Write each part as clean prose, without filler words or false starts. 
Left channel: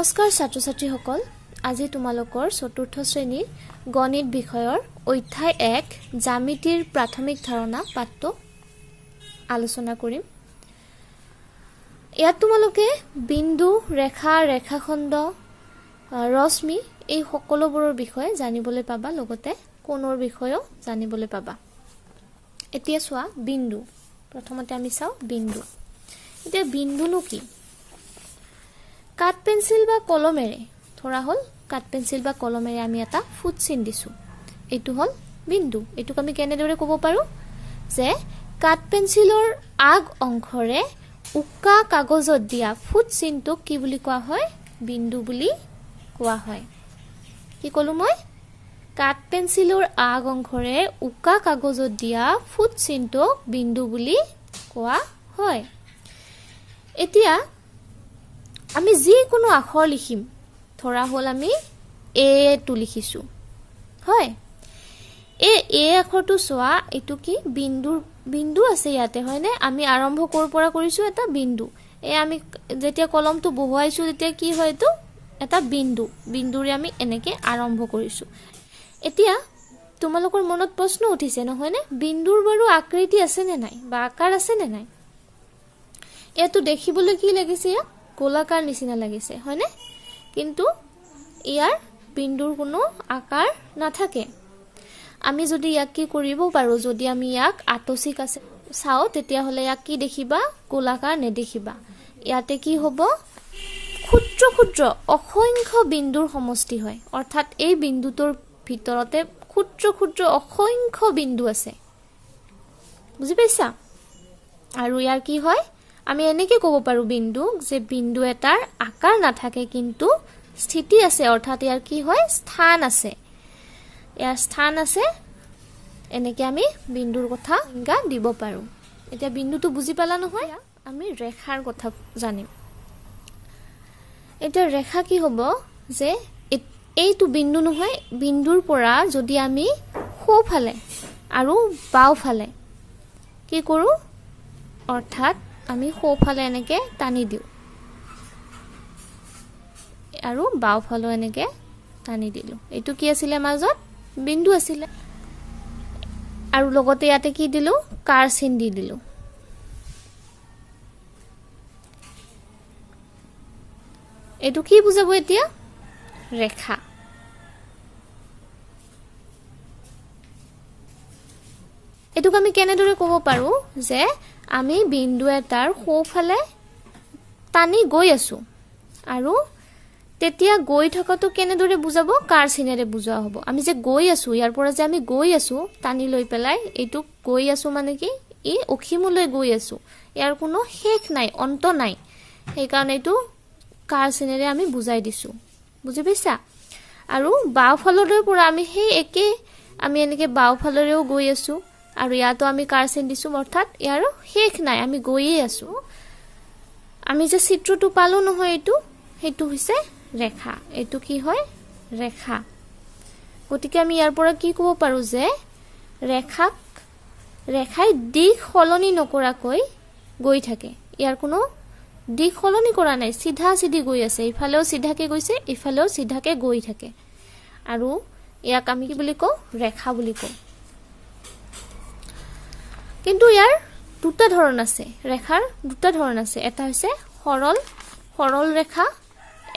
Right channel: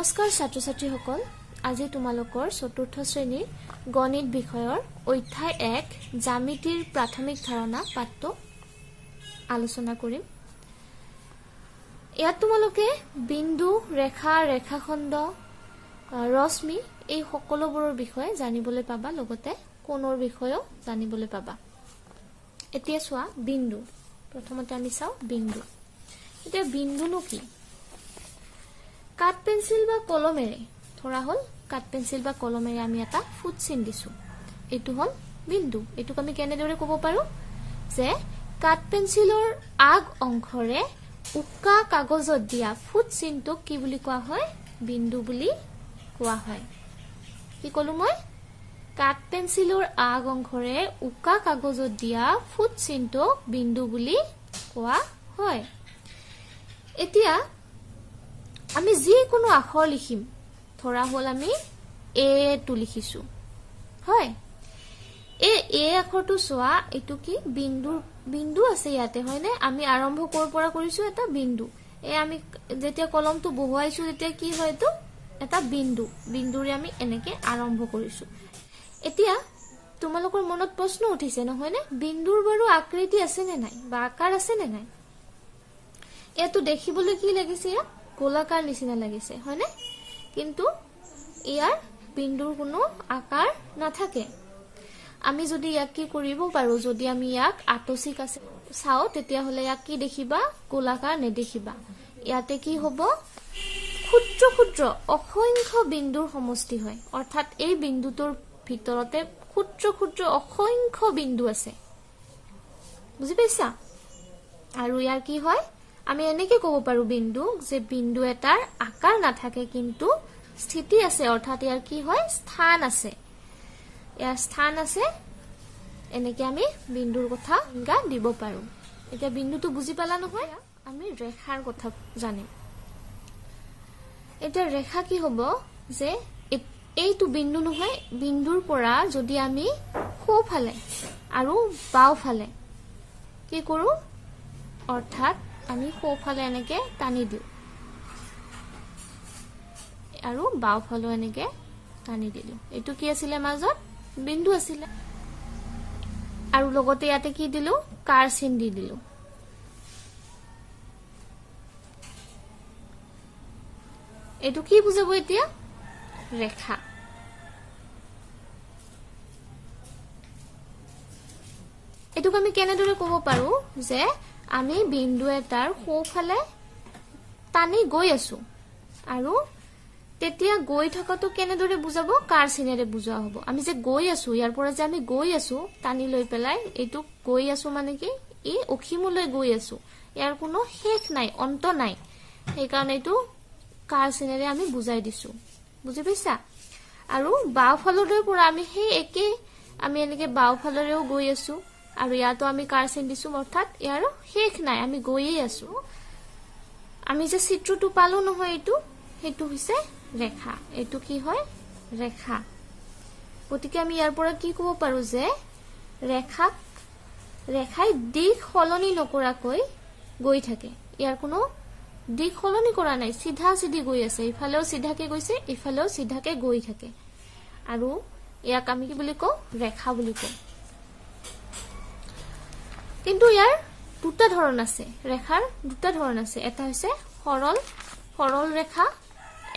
নমস্কাৰ ছাত্ৰ ছাত্ৰীসকল আজি তোমালোকৰ চতুৰ্থ শ্ৰেণীৰ গণিত বিষয়ৰ অধ্যায় 1 জ্যামিতিৰ প্ৰাথমিক ধাৰণা পাঠটো আলোচনা কৰিম। ইয়াত তোমালোকে বিন্দু ৰেখা ৰেখাখণ্ড ৰশ্মি এই সকলোবোৰৰ বিষয়ে জানিবলৈ পাবা, লগতে কোণৰ বিষয়েও জানিবলৈ পাবা। এতিয়া চোৱা বিন্দু, প্ৰথমতে আমি চাও বিন্দু। এতিয়া বিন্দুনো কি? কাট পেন্সিল বা কলমেৰে ধৰা হল, কাট পেন্সিল বা কলমেৰে আমি এটা ফুট চিন দিছো, এইটো হল বিন্দু। এইটোক আমি কেনেদৰে ক'ব পাৰো যে কাট পেন্সিলৰ আগ অংশৰে উকা কাগজত দিয়া ফুট চিনটোক কি বুলি কোৱা হয়? বিন্দু বুলি কোৱা হয়। কি কলো মই? কাট পেন্সিলৰ আগ অংশৰে উকা কাগজত দিয়া ফুট চিনটোক বিন্দু বুলি কোৱা হয়। এতিয়া আমি যি কোনো আখৰ লিখিম, ধৰা হল আমি এ টু লিখিছো, হয়। এ আখৰটো চোৱা, এইটো কি বিন্দু আছে ইয়াতে, হয়নে? আমি আৰম্ভ কৰ পৰা কৰিছো এটা বিন্দু। আমি যেতিয়া কলমটো বহুৱাইছো তেতিয়া কি হয়? এইটো এটা বিন্দুৰে আমি এনেকে আৰম্ভ কৰিছো। এতিয়া তোমালোকৰ মনত প্ৰশ্ন উঠিছে নহয়নে? বিন্দুৰ বাৰু আকৃতি আছে নে নাই বা আকাৰ আছে নে নাই? এটো দেখিবলৈ কি লাগিছে? গোলাকাৰ নিচিনা লাগিছে, হয়নে? কিন্তু ইয়াৰ বিন্দুৰ কোনো আকাৰ নাথাকে। আমি যদি ইয়াক কি কৰিব পাৰো, যদি আমি ইয়াক আতচিক আছে চাও, তেতিয়া হলে ইয়াক কি দেখিবা? গোলাকাৰ নেদেখিবা। ইয়াতে কি হব? ক্ষুদ্ৰ ক্ষুদ্ৰ অসংখ্য বিন্দুৰ সমষ্টি হয়। অৰ্থাৎ এই বিন্দুটোৰ ভিতৰতে ক্ষুদ্ৰ ক্ষুদ্ৰ অসংখ্য বিন্দু আছে, বুজি পাইছা? আৰু ইয়াৰ কি হয়? আমি এনেকে ক'ব পাৰো বিন্দু, যে বিন্দু এটাৰ আকাৰ নাথাকে কিন্তু স্থিতি আছে, অৰ্থাৎ ইয়াৰ কি হয়? স্থান আছে, ইয়াৰ স্থান আছে। এনেকে আমি বিন্দুৰ কথা সংজ্ঞা দিব পাৰো। এতিয়া বিন্দুটো বুজি পালা নহয়? আমি ৰেখাৰ কথা জানিম। এতিয়া ৰেখা কি হব? যে এইটো বিন্দু নহয়, বিন্দুৰ পৰা যদি আমি সোঁফালে আৰু বাওঁফালে কি কৰো, অৰ্থাৎ আমি সোঁফালে এনেকে টানি দিও আৰু বাওঁফালে এনেকে টানি দিলো, এইটো কি আছিলে? মাজত বিন্দু আছিলে। আৰু লগতে ইয়াতে কি দিলো? কাৰ চিন দি দিলো। এইটো কি বুজাব এতিয়া? ৰেখা। এইটোক আমি কেনেদৰে ক'ব পাৰো যে আমি বিন্দু এটাৰ সোঁফালে টানি গৈ আছো, আৰু তেতিয়া গৈ থকাটো কেনেদৰে বুজাব? কাৰ চিনেৰে বুজোৱা হ'ব। আমি যে গৈ আছো, ইয়াৰ পৰা যে আমি গৈ আছো টানি লৈ পেলাই, এইটো গৈ আছো মানে কি? ই অসীমলৈ গৈ আছো, ইয়াৰ কোনো শেষ নাই, অন্ত নাই। সেইকাৰণে এইটো কাৰ চিনেৰে আমি বুজাই দিছো, বুজি পাইছা? আৰু বাওঁফালৰে পৰা আমি সেই একে আমি এনেকে বাওঁফালৰেও গৈ আছো, আৰু ইয়াতো আমি কাৰ চিন দিছো, অৰ্থাৎ ইয়াৰ শেষ নাই, আমি গৈয়ে আছো। আমি যে চিত্ৰটো পালো নহয়, সেইটো হৈছে ৰেখা। এইটো কি হয়? ৰেখা। গতিকে আমি ইয়াৰ পৰা কি ক'ব পাৰো যে ৰেখাই দিশ সলনি নকৰাকৈ গৈ থাকে। ইয়াৰ কোনো দিশ সলনি কৰা নাই, চিধা চিধি গৈ আছে, ইফালেও চিধাকে গৈছে, ইফালেও চিধাকে গৈ থাকে। আৰু ইয়াক আমি কি বুলি কওঁ? ৰেখা বুলি কওঁ। কিন্তু ইয়াৰ দুটা ধৰণ আছে, ৰেখাৰ দুটা ধৰণ আছে। এটা হৈছে সৰল ৰেখা,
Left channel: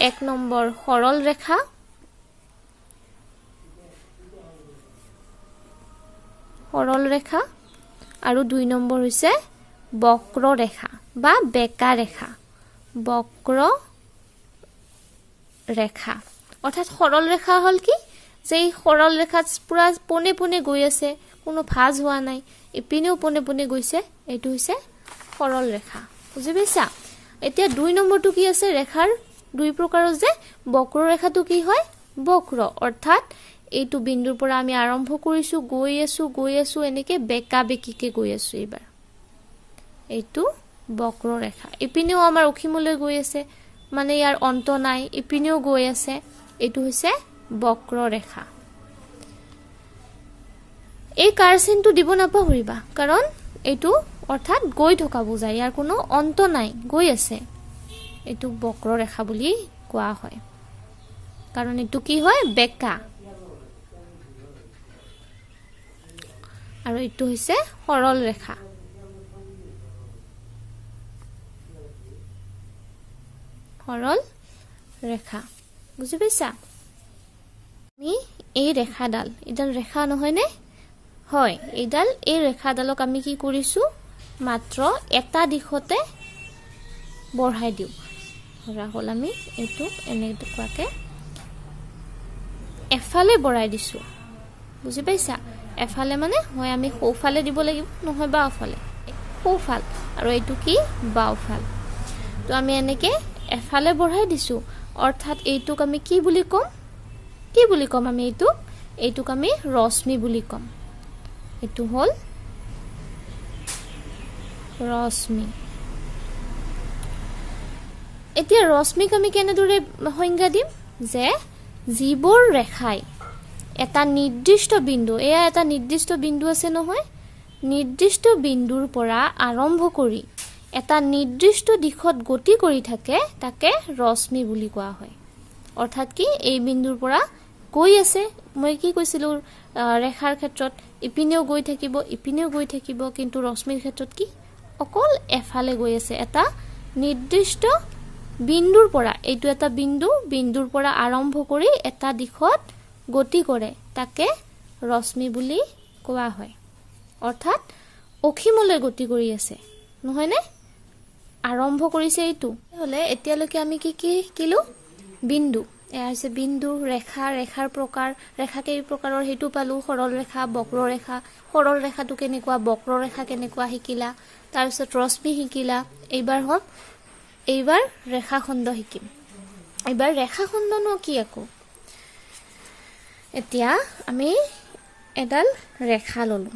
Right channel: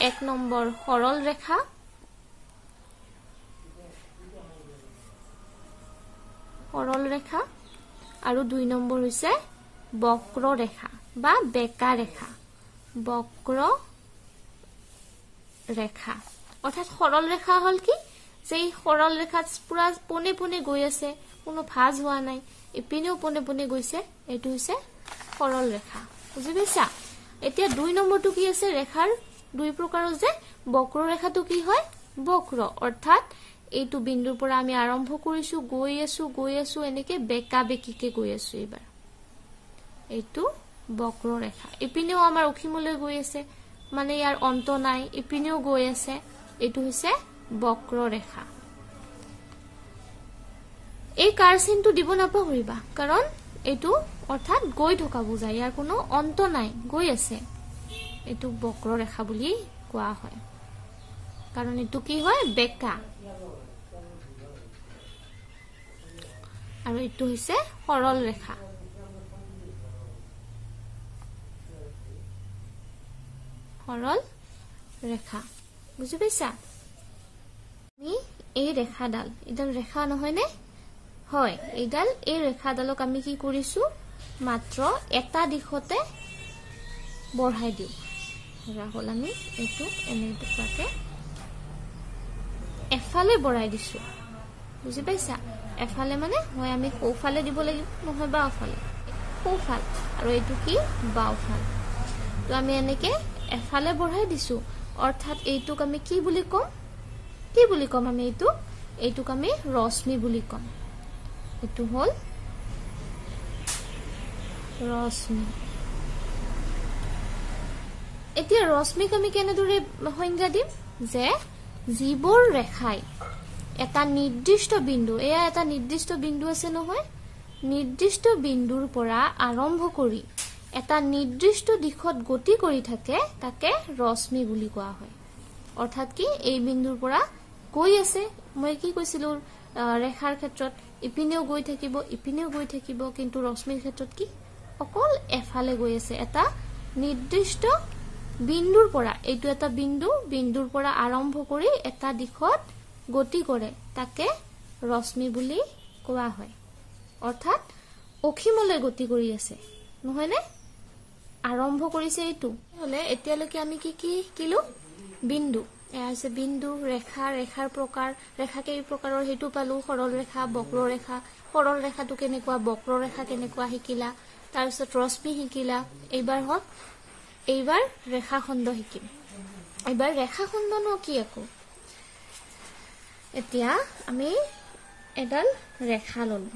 1 নম্বৰ সৰল ৰেখা, আৰু 2 নম্বৰ হৈছে বক্ৰ ৰেখা বা বেকা ৰেখা, বক্ৰ ৰেখা। অৰ্থাৎ সৰল ৰেখা হল কি? যে এই সৰল ৰেখাত পুৰা পোনে পোনে গৈ আছে, কোনো ভাঁজ হোৱা নাই, ইপিনেও পোনে পোনে গৈছে, এইটো হৈছে সৰল ৰেখা, বুজি পাইছা? এতিয়া 2 নম্বৰটো কি আছে? ৰেখাৰ 2 প্ৰকাৰৰ যে বক্ৰ ৰেখাটো কি হয়? বক্ৰ, অৰ্থাৎ এইটো বিন্দুৰ পৰা আমি আৰম্ভ কৰিছো, গৈ আছো এনেকে বেকা বেকিকে গৈ আছো। এইবাৰ এইটো বক্ৰ ৰেখা। ইপিনেও আমাৰ অসীমলৈ গৈ আছে, মানে ইয়াৰ অন্ত নাই, ইপিনেও গৈ আছে, এইটো হৈছে বক্ৰ ৰেখা। এই কাৰ চিনটো দিব নাপাহৰিবা, কাৰণ এইটো অৰ্থাৎ গৈ থকা বুজায়, ইয়াৰ কোনো অন্ত নাই, গৈ আছে। এইটো বক্ৰ ৰেখা বুলি কোৱা হয় কাৰণ এটো কি হয় বেকা আৰু এটো হৈছে সৰল ৰেখা সৰল ৰেখা বুজি পাইছা আমি এই ৰেখাডাল ইডাল ৰেখা নহয় নে হয় ইডাল এই ৰেখাডালক আমি কি কৰিছো মাত্ৰ এটা দিশতে বঢ়াই দিও ধৰা হল আমি এটো এনেকুৱাকে এফালে বঢ়াই দিছো বুজি পাইছা এফালে মানে হয় আমি সোফালে দিব লাগিব নহয় বাওফালে সোফাল আৰু এটো কি বাওফাল তো আমি এনেকে এফালে বঢ়াই দিছো অৰ্থাৎ এইটোক আমি কি বুলি কম আমি এইটোক আমি ৰশ্মি বুলি কম এটো হল ৰশ্মি এতিয়া ৰশ্মিক আমি কেনেদৰে সংজ্ঞা দিম যে জীবৰ ৰেখাই এটা নিৰ্দিষ্ট বিন্দু এয়া এটা নিৰ্দিষ্ট বিন্দু আছে নহয় নিৰ্দিষ্ট বিন্দুৰ পৰা আৰম্ভ কৰি এটা নিৰ্দিষ্ট দিশত গতি কৰি থাকে তাকে ৰশ্মি বুলি কোৱা হয় অৰ্থাৎ কি এই বিন্দুৰ পৰা গৈ আছে মই কি কৈছিলো ৰেখাৰ ক্ষেত্ৰত ইপিনেও গৈ থাকিব কিন্তু ৰশ্মিৰ ক্ষেত্ৰত কি অকল এফালে গৈ আছে এটা নিৰ্দিষ্ট বিন্দুৰ পৰা এইটো এটা বিন্দুৰ পৰা আৰম্ভ কৰি এটা দিশত গতি কৰে তাকে ৰশ্মি বুলি কোৱা হয় অৰ্থাৎ অসীমলৈ গতি কৰি আছে নহয় নে আৰম্ভ কৰিছে এইটো হলে এতিয়ালৈকে আমি কি শিকিলো বিন্দু এয়া হৈছে বিন্দু ৰেখাৰ প্ৰকাৰ ৰেখা কেই প্ৰকাৰৰ হেতু পালো সৰল ৰেখা বক্ৰৰেখা সৰল ৰেখাটো কেনেকুৱা বক্ৰৰেখা কেনেকুৱা শিকিলা তাৰ পিছত ৰশ্মি শিকিলা এইবাৰ ৰেখাখণ্ড শিকিম এইবাৰ ৰেখাখণ্ডনো কি আকো এতিয়া আমি এডাল ৰেখা ললো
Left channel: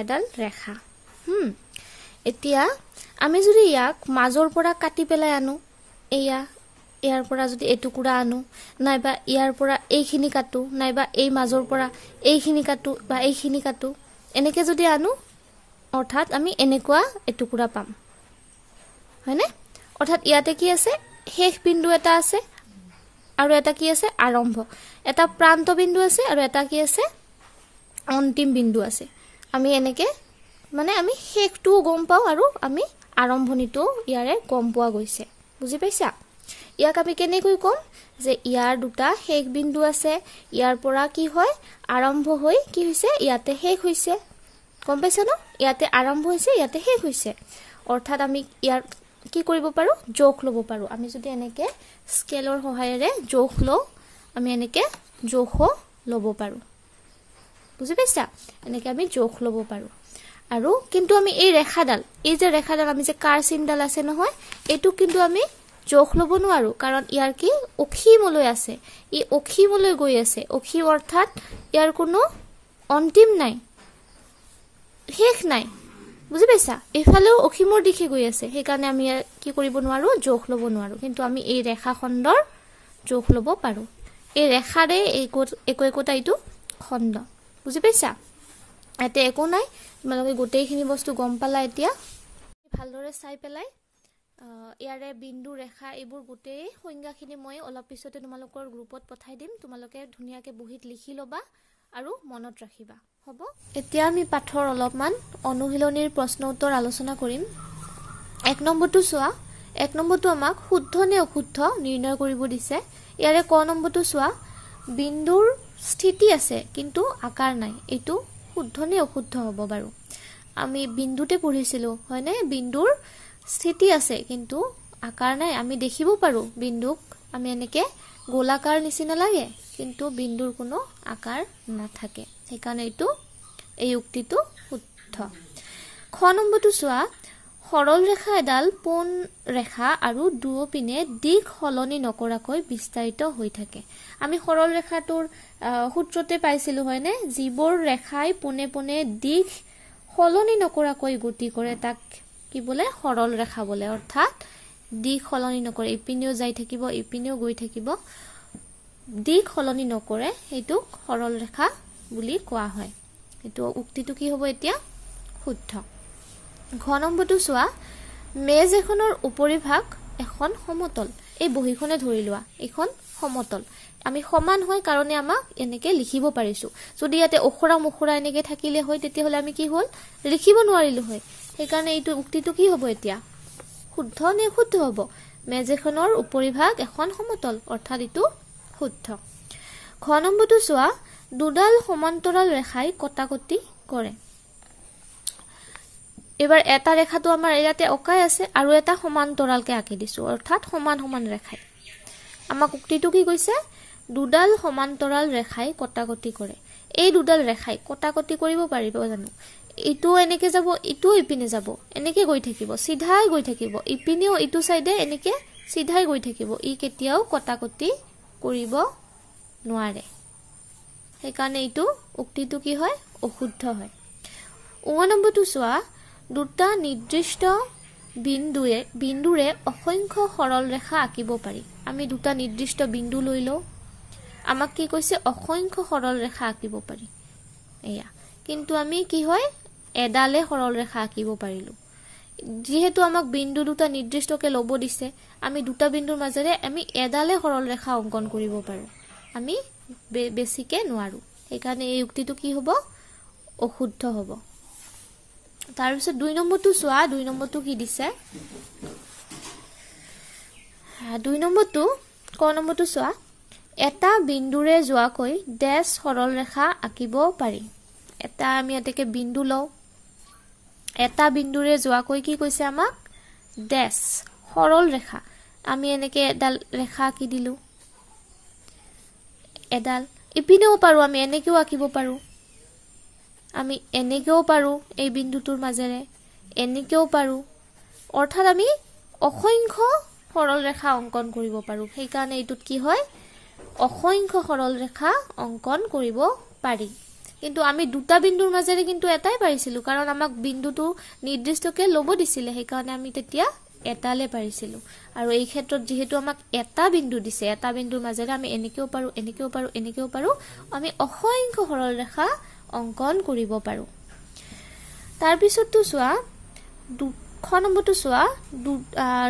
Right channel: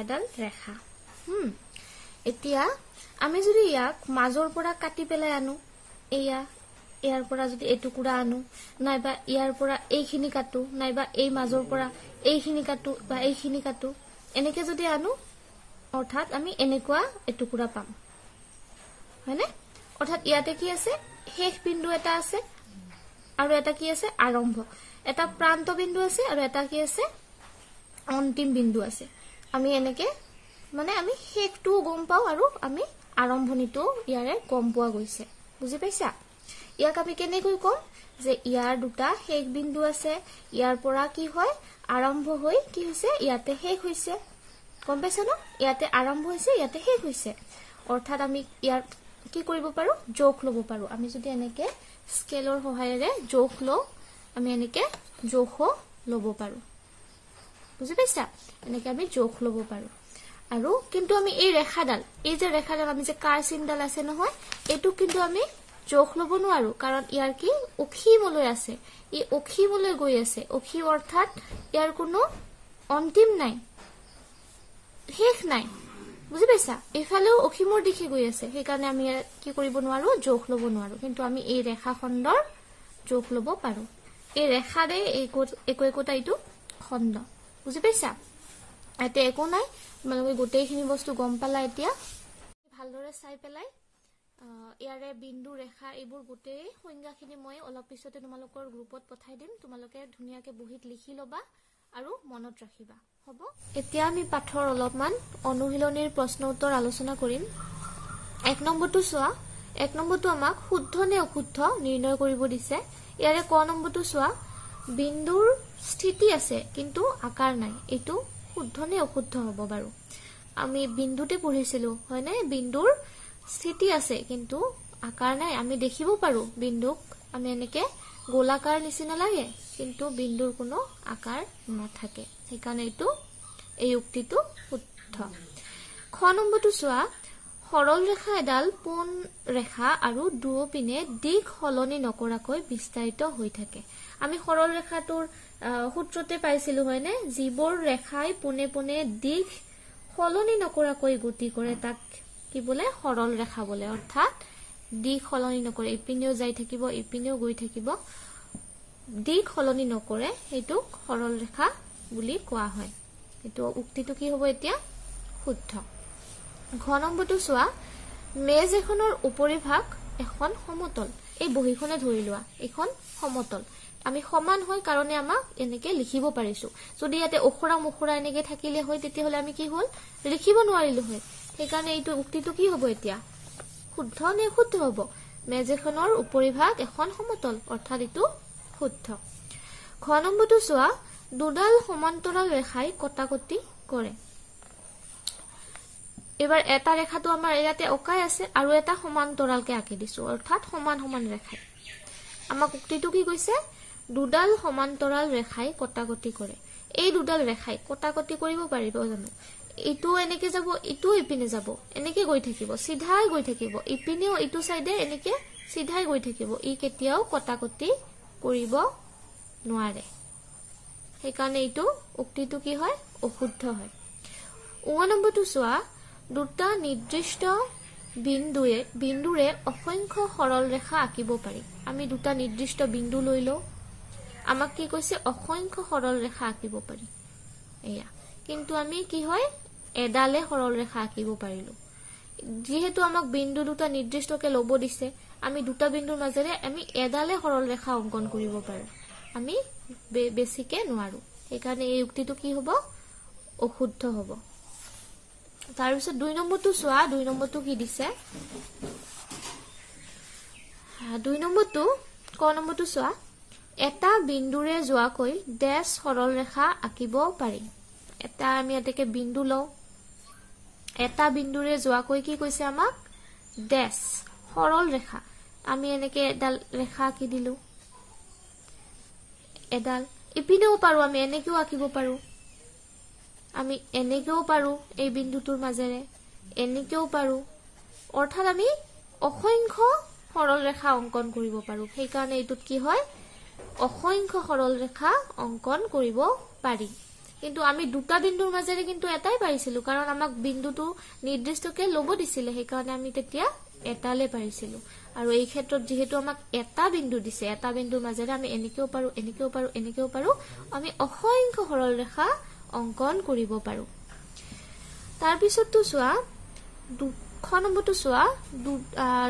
এডাল ৰেখা এতিয়া আমি যদি ইয়াক মাজৰ পৰা কাটি পেলাই আনো ইয়াৰ পৰা যদি এটুকুৰা আনো নাইবা ইয়াৰ পৰা এইখিনি কাটো নাইবা এই মাজৰ পৰা এইখিনি কাটো বা এইখিনি কাটো এনেকে যদি আনো অৰ্থাৎ আমি এনেকুৱা এটুকুৰা পাম হয়নে অৰ্থাৎ ইয়াতে কি আছে শেষ বিন্দু এটা আছে আৰু এটা কি আছে আৰম্ভ এটা প্ৰান্ত বিন্দু আছে আৰু এটা কি আছে অন্তিম বিন্দু আছে আমি এনেকে মানে আমি শেষটো গম পাও আৰু আমি আৰম্ভণিটো ইয়াৰে গম পোৱা গৈছে বুজি পাইছা ইয়াক আমি কেনেকৈ কম যে ইয়াৰ দুটা শেষ বিন্দু আছে ইয়াৰ পৰা কি হয় আৰম্ভ হৈ কি হৈছে ইয়াতে শেষ হৈছে গম পাইছা ন ইয়াতে আৰম্ভ হৈছে ইয়াতে শেষ হৈছে অৰ্থাৎ আমি ইয়াৰ কি কৰিব পাৰো জোখ লব পাৰো আমি যদি এনেকে স্কেলৰ সহায়েৰে জোখ লও আমি এনেকে জোখ লব পাৰো বুজি পাইছা এনেকে আমি জোখ লব পাৰো আৰু কিন্তু আমি এই ৰেখাডাল এই যে ৰেখাডাল আমি যে কাৰ চিনডাল আছে নহয় এটো কিন্তু আমি জোখ লব নোৱাৰো কাৰণ ইয়াৰ কি অসীমলৈ আছে ই অসীমলৈ গৈ আছে অসীম অৰ্থাৎ ইয়াৰ কোনো অন্তিম নাই শেষ নাই বুজি পাইছা এফালেও অসীমৰ দিশে গৈ আছে সেইকাৰণে আমি কি কৰিব নোৱাৰো জোখ লব নোৱাৰো কিন্তু আমি এই ৰেখাখণ্ডৰ জোখ লব পাৰো এই ৰেখাৰে একোটা এইটো খণ্ড বুজি পাইছা এতে একো নাই তোমালোকে গোটেইখিনি বস্তু গম পালা এতিয়া ভালদৰে চাই পেলাই ইয়াৰে বিন্দু ৰেখা এইবোৰ গোটেই সংজ্ঞাখিনি মই অলপ পিছতে তোমালোকৰ গ্ৰুপত পঠাই দিম তোমালোকে ধুনীয়াকে বহিত লিখি লবা আৰু মনত ৰাখিবা হ'ব এতিয়া আমি পাঠৰ অলপমান অনুশীলনীৰ প্ৰশ্ন উত্তৰ আলোচনা কৰিম 1 নম্বৰটো চোৱা 1 নম্বৰটো আমাক শুদ্ধ নে অশুদ্ধ নিৰ্ণয় কৰিব দিছে ইয়াৰে ক নম্বৰটো চোৱা বিন্দুৰ স্থিতি আছে কিন্তু আকাৰ নাই এটো শুদ্ধ নে অশুদ্ধ হ'ব বাৰু আমি বিন্দুতে পঢ়িছিলো হয়নে বিন্দুৰ স্থিতি আছে কিন্তু আকাৰ নাই আমি দেখিব পাৰো বিন্দুক আমি এনেকে গোলাকাৰ নিচিনা লাগে কিন্তু বিন্দুৰ কোনো আকাৰ নাথাকে সেইকাৰণে এই উক্তিটো শুদ্ধ খ নম্বৰটো চোৱা সৰল ৰেখা এডাল পোন ৰেখা আৰু দুয়োপিনে দিশ সলনি নকৰাকৈ বিস্তাৰিত হৈ থাকে আমি সৰল ৰেখাটোৰ সূত্ৰতে পাইছিলো হয়নে যিবোৰ ৰেখাই পোনে পোনে দিশ সলনি নকৰাকৈ গতি কৰে তাক কি বলে সৰল ৰেখা বলে অৰ্থাৎ দিশ সলনি নকৰে ইপিনেও যাই থাকিব ইপিনেও গৈ থাকিব দিশ সলনি নকৰে এটো সৰল ৰেখা বুলি কোৱা হয় এটো উক্তিটো কি হ'ব এতিয়া শুদ্ধ ঘ নম্বৰটো চোৱা মেজ এখনৰ উপৰিভাগ এখন সমতল এই বহিখনে ধৰি লোৱা এইখন সমতল আমি সমান হয় কাৰণে আমাক এনেকে লিখিব পাৰিছো যদি ইয়াতে অখৰা মুখৰা এনেকে থাকিলে হয় তেতিয়া হলে আমি কি হল লিখিব নোৱাৰিলো হয় সেইকাৰণে এইটো উক্তিটো কি হ'ব এতিয়া শুদ্ধ নে শুদ্ধ হ'ব মেজেখনৰ উপৰিভাগ এখন সমতল অৰ্থাৎ এইটো শুদ্ধ খ নম্বৰটো চোৱা দুডাল সমান্তৰাল ৰেখাই কটাকটি কৰে এবাৰ এটা ৰেখাটো আমাৰ ইয়াতে অকাই আছে আৰু এটা সমান্তৰালকে আঁকি দিছো অৰ্থাৎ সমান সমান ৰেখাই আমাক উক্তিটো কি কৈছে দুডাল সমান্তৰাল ৰেখাই কটাকটি কৰে এই দুডাল ৰেখাই কটাকটি কৰিব পাৰিব জানো ইটো এনেকে যাব ইটো ইপিনে যাব এনেকে গৈ থাকিব সিধাই গৈ থাকিব ইপিনেও ইটো সাইডে এনেকে সিধাই গৈ থাকিব ই কেতিয়াও কটাকটি কৰিব নোৱাৰে সেইকাৰণে ইটো উক্তিটো কি হয় অশুদ্ধ হয় 9 নম্বৰটো চোৱা দুটা নিৰ্দিষ্ট বিন্দুৰে অসংখ্য সৰল ৰেখা আঁকিব পাৰি আমি দুটা নিৰ্দিষ্ট বিন্দু লৈ লও আমাক কি কৈছে অসংখ্য সৰল ৰেখা আঁকিব পাৰি এয়া কিন্তু আমি কি হয় এডালে সৰল ৰেখা আঁকিব পাৰিলো যেহেতু আমাক বিন্দু দুটা নিৰ্দিষ্টকে লব দিছে আমি দুটা বিন্দুৰ মাজেৰে আমি এডালে সৰল ৰেখা অংকন কৰিব পাৰো আমি বেছিকে নোৱাৰো সেইকাৰণে এই উক্তিটো কি হ'ব অশুদ্ধ হ'ব তাৰ পিছত 2 নম্বৰটো চোৱা 2 নম্বৰটো কি দিছে 2 নম্বৰটো ক নম্বৰটো চোৱা এটা বিন্দুৰে যোৱাকৈ ডেশ সৰল ৰেখা আঁকিব পাৰি এটা আমি এতেকে বিন্দু লও এটা বিন্দুৰে যোৱাকৈ কি কৈছে আমাক ডেশ সৰল ৰেখা আমি এনেকে এডাল ৰেখা আঁকি দিলু এডাল ইপিনেও পাৰো আমি এনেকেও আঁকিব পাৰো আমি এনেকেও পাৰো এই বিন্দুটোৰ মাজেৰে এনেকেও পাৰো অৰ্থাৎ আমি অসংখ্য সৰল ৰেখা অংকন কৰিব পাৰো সেইকাৰণে এইটোত কি হয় অসংখ্য সৰল ৰেখা অংকন কৰিব পাৰি কিন্তু আমি দুটা বিন্দুৰ মাজেৰে কিন্তু এটাই পাৰিছিলো কাৰণ আমাক বিন্দুটো নিৰ্দিষ্টকে লব দিছিলে সেইকাৰণে আমি তেতিয়া এটালে পাৰিছিলো আৰু এই ক্ষেত্ৰত যেহেতু আমাক এটা বিন্দু দিছে এটা বিন্দুৰ মাজেৰে আমি এনেকেও পাৰো এনেকেও পাৰো এনেকেও পাৰো আমি অসংখ্য সৰল ৰেখা অংকন কৰিব পাৰো তাৰ পিছতটো চোৱা 2 নম্বৰটো চোৱা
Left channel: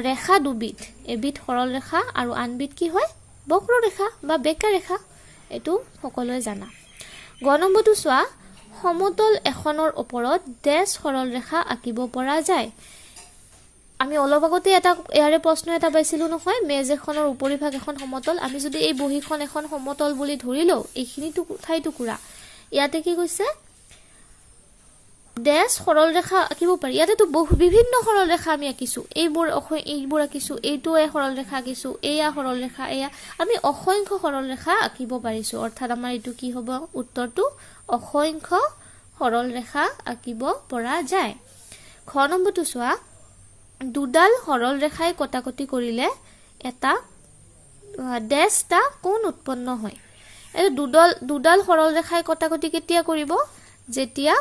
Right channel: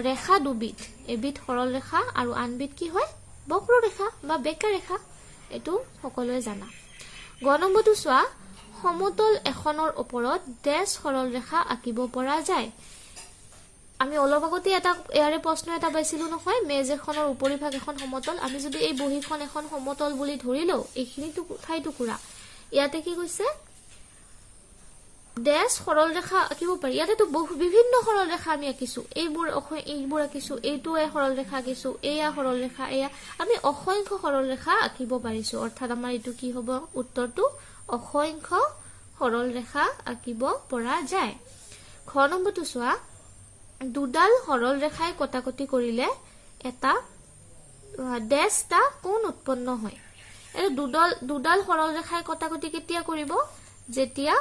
ৰেখা দুবিধ এবিধ সৰল ৰেখা আৰু আনবিধ কি হয় বক্ৰৰেখা বা বেকা ৰেখা এটো সকলোৱে জানা গ নম্বৰটো চোৱা সমতল এখনৰ ওপৰত ডেশ সৰল ৰেখা আঁকিব পৰা যায় আমি অলপ আগতে এটা ইয়াৰে প্ৰশ্ন এটা পাইছিলো নহয় মেজ এখনৰ উপৰিভাগ এখন সমতল আমি যদি এই বহিখন এখন সমতল বুলি ধৰি লও এইখিনিটো ঠাই টুকুৰা ইয়াতে কি কৈছে ডেশ সৰল ৰেখা আঁকিব পাৰি ইয়াতে তো বিভিন্ন সৰল ৰেখা আমি আঁকিছো এইবোৰ আঁকিছো এইটো সৰল ৰেখা আঁকিছো এয়া সৰল ৰেখা এয়া আমি অসংখ্য সৰল ৰেখা আঁকিব পাৰিছো অৰ্থাৎ আমাৰ এইটো কি হ'ব উত্তৰটো অসংখ্য সৰল ৰেখা আঁকিব পৰা যায় খ নম্বৰটো চোৱা দুডাল সৰল ৰেখাই কটাকটি কৰিলে এটা ডেশটা কোণ উৎপন্ন হয় এই দুডাল সৰল ৰেখাই কটাকটি কেতিয়া কৰিব যেতিয়া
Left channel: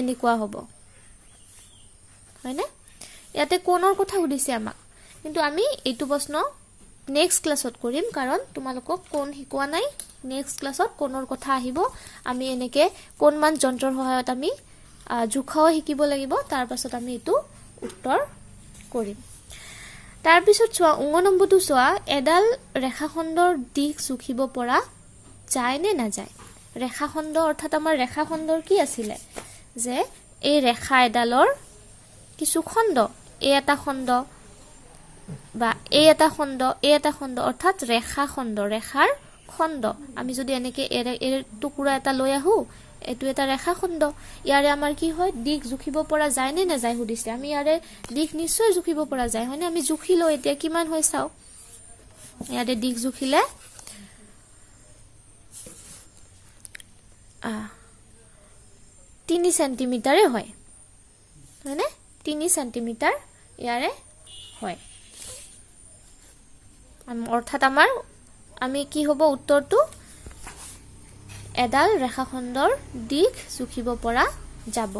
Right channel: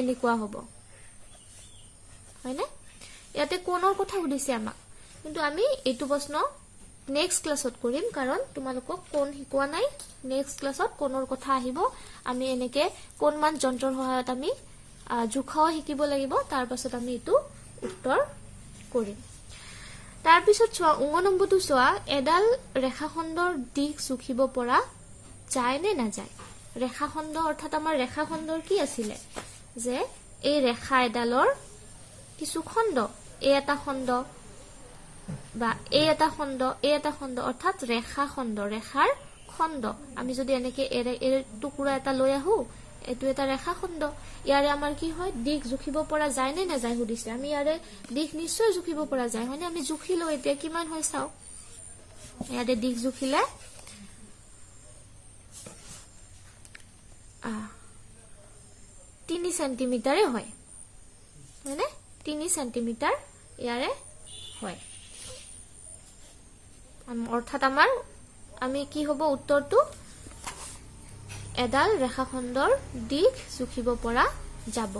এনেকুৱা হ'ব হয়নে ইয়াতে কোণৰ কথা সুধিছে আমাক কিন্তু আমি এইটো প্ৰশ্ন নেক্সট ক্লাছত কৰিম কাৰণ তোমালোকক কোণ শিকোৱা নাই নেক্সট ক্লাছত কোণৰ কথা আহিব আমি এনেকে কোণমান যন্ত্ৰৰ সহায়ত আমি জুখাও শিকিব লাগিব তাৰ পাছত আমি এটো উত্তৰ কৰিম তাৰ পিছত চোৱা 9 নম্বৰটো চোৱা এডাল ৰেখাখণ্ডৰ দিশ জুখিব পৰা যায় নে না যায় ৰেখাখণ্ড অৰ্থাৎ আমাৰ ৰেখাখণ্ডৰ কি আছিলে যে এই ৰেখা এডালৰ কিছু খণ্ড এই এটা খণ্ড বা এই এটা খণ্ড অৰ্থাৎ ৰেখাখণ্ড ৰেখাৰ খণ্ড আমি যদি এনেকে এৰ টুকুৰা এটা লৈ আহো এটো এটা ৰেখাখণ্ড ইয়াৰে আমাৰ কি হয় দিশ জুখিব পৰা যায় নে না যায় সুধিছে আমি ইয়াৰে দিশ নিশ্চয় জুখিব পৰা যায় হয়নে আমি জুখি লও এতিয়া কিমান হয় চাও ইয়াৰে দিশ জুখিলে 3 সেন্টিমিটাৰে হয় মানে 3 সেন্টিমিটাৰ ইয়াৰে হয় অৰ্থাৎ আমাৰ আমি কি হ'ব উত্তৰটো এডাল ৰেখাখণ্ডৰ দিশ জুখিব পৰা যাব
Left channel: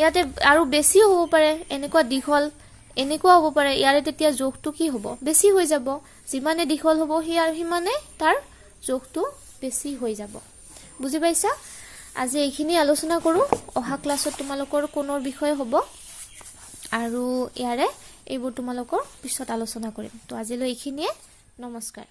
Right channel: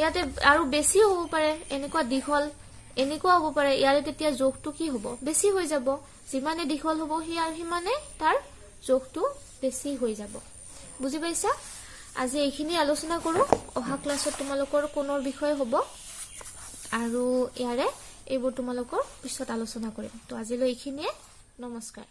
ইয়াতে আৰু বেছি হ'ব পাৰে এনেকুৱা দীঘল এনেকুৱা হ'ব পাৰে ইয়াৰে তেতিয়া যোগটো কি হ'ব বেছি হৈ যাব যিমানে দীঘল হ'ব সিমানে তাৰ যোগটো বেছি হৈ যাব বুজি পাইছা আজি এইখিনি আলোচনা কৰো অহা ক্লাছত তোমালোকৰ কোনৰ বিষয় হ'ব আৰু ইয়াৰে এইবোৰ তোমালোকৰ পিছত আলোচনা কৰিম। তো আজিলৈ এইখিনিয়ে, নমস্কাৰ।